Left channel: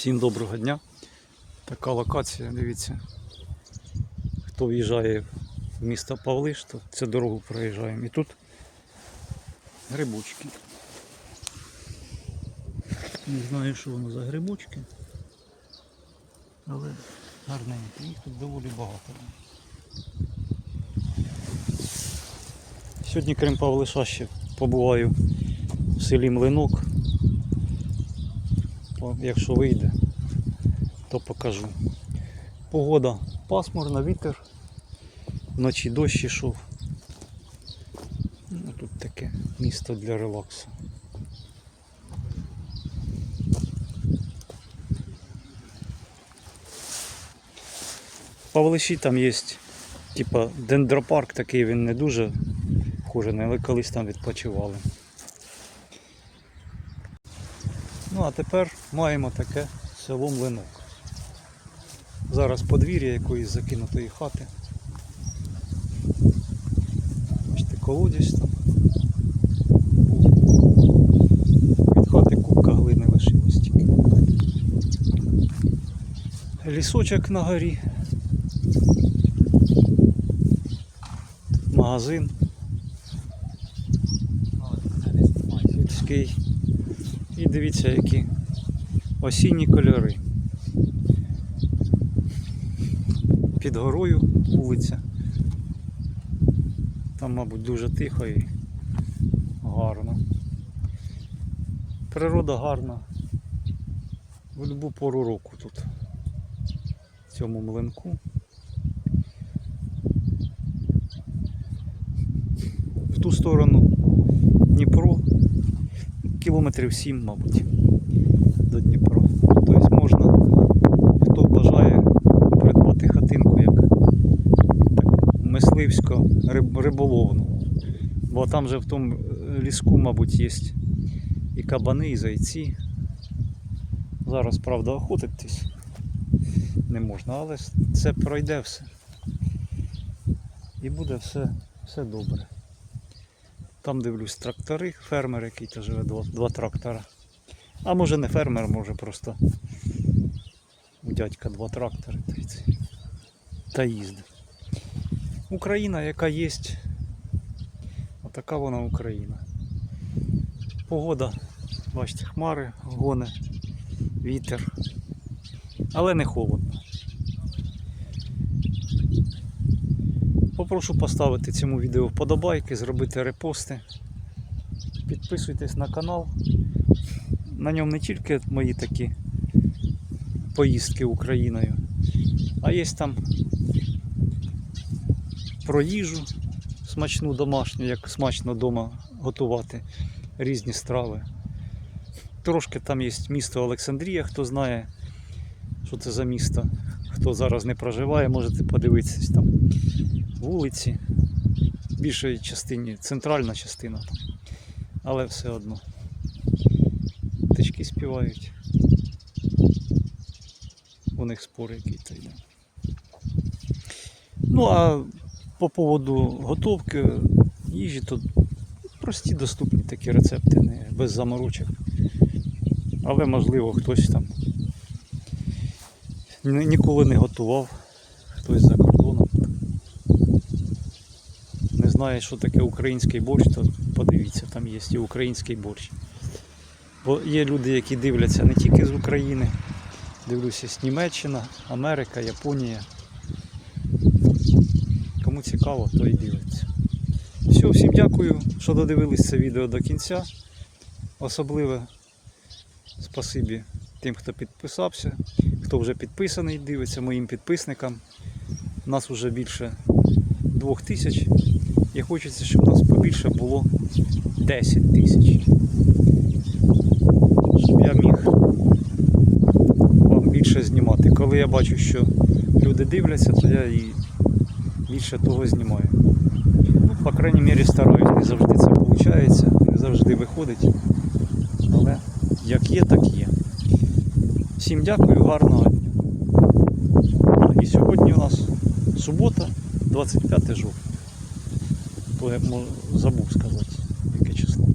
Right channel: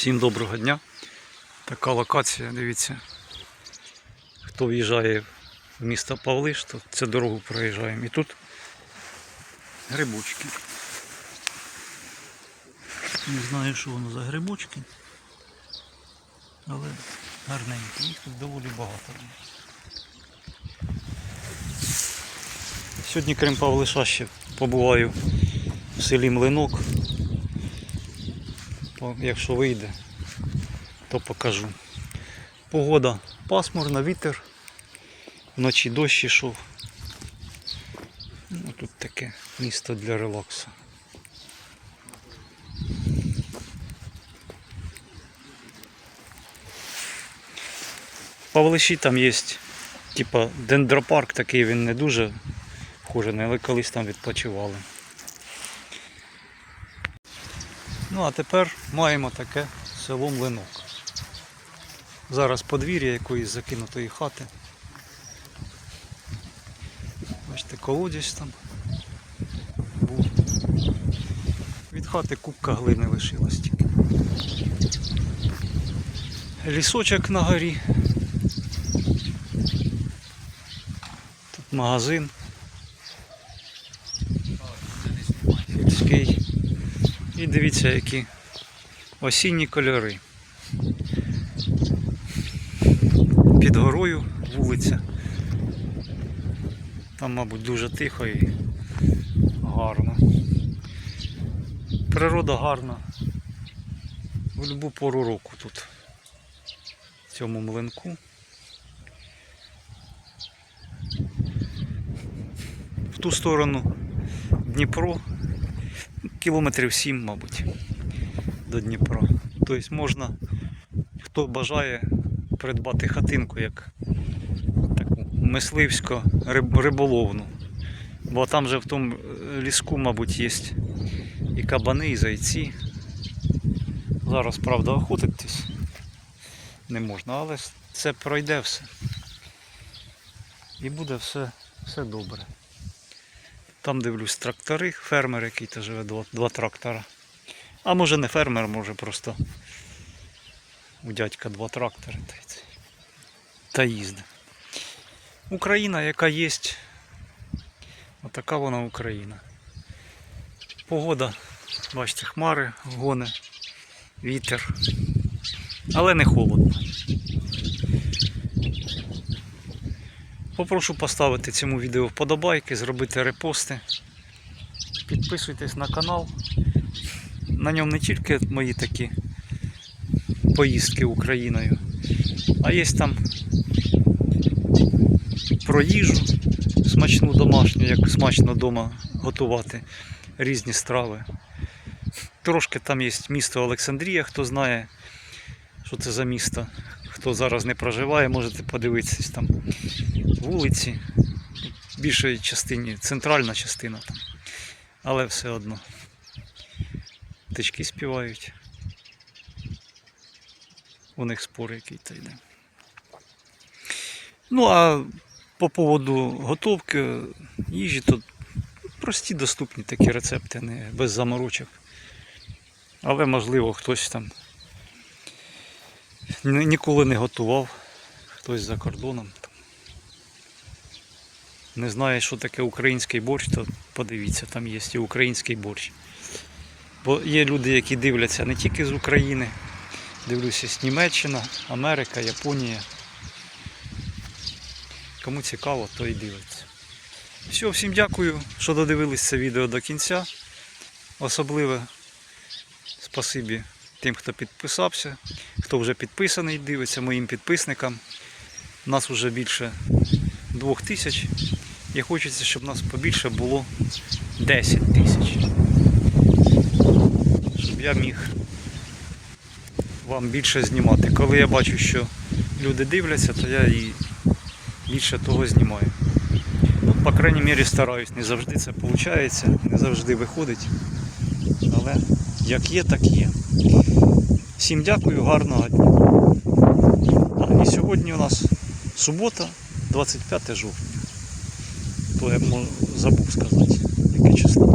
Всім доброго дня. Така локація, дивіться. Хто в'їжджає в місто Павлиш, то цю дорогу проїжджаємо. І тут грибочки. Не знаю, що воно за грибочки, але гарненькі. Їх тут доволі багато. Сьогодні, крім Павлиша, ще побуваю в селі Млинок. Якщо вийде, то покажу. Погода пасмурна, вітер. Вночі дощ ішов. Ну, тут таке місто для релаксу. Павлиші там є типа дендропарк, такий він не дуже вхожений, але колись там відпочивали. Ну а тепер маємо таке село Млинок. Зараз подвір'я якоїсь закинутої хати. Бачите, колодязь там був. Від хати кубка глини лишилась тільки. Лісочок на горі. Тут магазин. Сільський. І дивіться, які осінні кольори. Під горою вулиця. Там, мабуть, дуже тихо і гарно. Природа гарна. В будь-яку пору року тут. В цьому млинку. В ту сторону Дніпро кілометрів 7, мабуть, до Дніпра. Тобто можна, хто бажає придбати хатинку як мисливсько риболовну. Бо там же в тому е, ліску, мабуть, є і кабани, і зайці. Зараз, правда, охотитись не можна, але це пройде все. І буде все, все добре. Там дивлюсь трактори, фермер який то живе, два, два трактора. А може не фермер, може просто у дядька два трактори та, їздить. Україна, яка є, отака вона Україна. Погода, бачите, хмари, гони, вітер. Але не холодно. Попрошу поставити цьому відео вподобайки, зробити репости. Підписуйтесь на канал. На ньому не тільки мої такі поїздки Україною, а є там про їжу смачну домашню, як смачно вдома готувати різні страви. Трошки там є місто Олександрія, хто знає, що це за місто. Хто зараз не проживає, можете подивитися там вулиці, в більшої частині, центральна частина там. Але все одно. Птички співають. У них спор який-то йде. Ну а по поводу готовки їжі, то прості доступні такі рецепти, не без заморочок. Але можливо хтось там ніколи не готував, хтось за кордоном. Не знає, що таке український борщ, то подивіться, там є і український борщ. Бо є люди, які дивляться не тільки з України, дивлюся з Німеччина, Америка, Японія. Кому цікаво, то і дивиться. Все, всім дякую, що додивились це відео до кінця. Особливе спасибі тим, хто підписався, хто вже підписаний, дивиться моїм підписникам. Нас вже більше двох тисяч. І хочеться, щоб нас побільше було 10 тисяч. Щоб я міг вам більше знімати. Коли я бачу, що люди дивляться, то я і більше того знімаю. Ну, по крайній мірі стараюсь, не завжди це виходить, не завжди виходить. Але як є, так є. Всім дякую, гарного дня. А, і сьогодні у нас субота, 25 жовтня. То я забув сказати, яке число.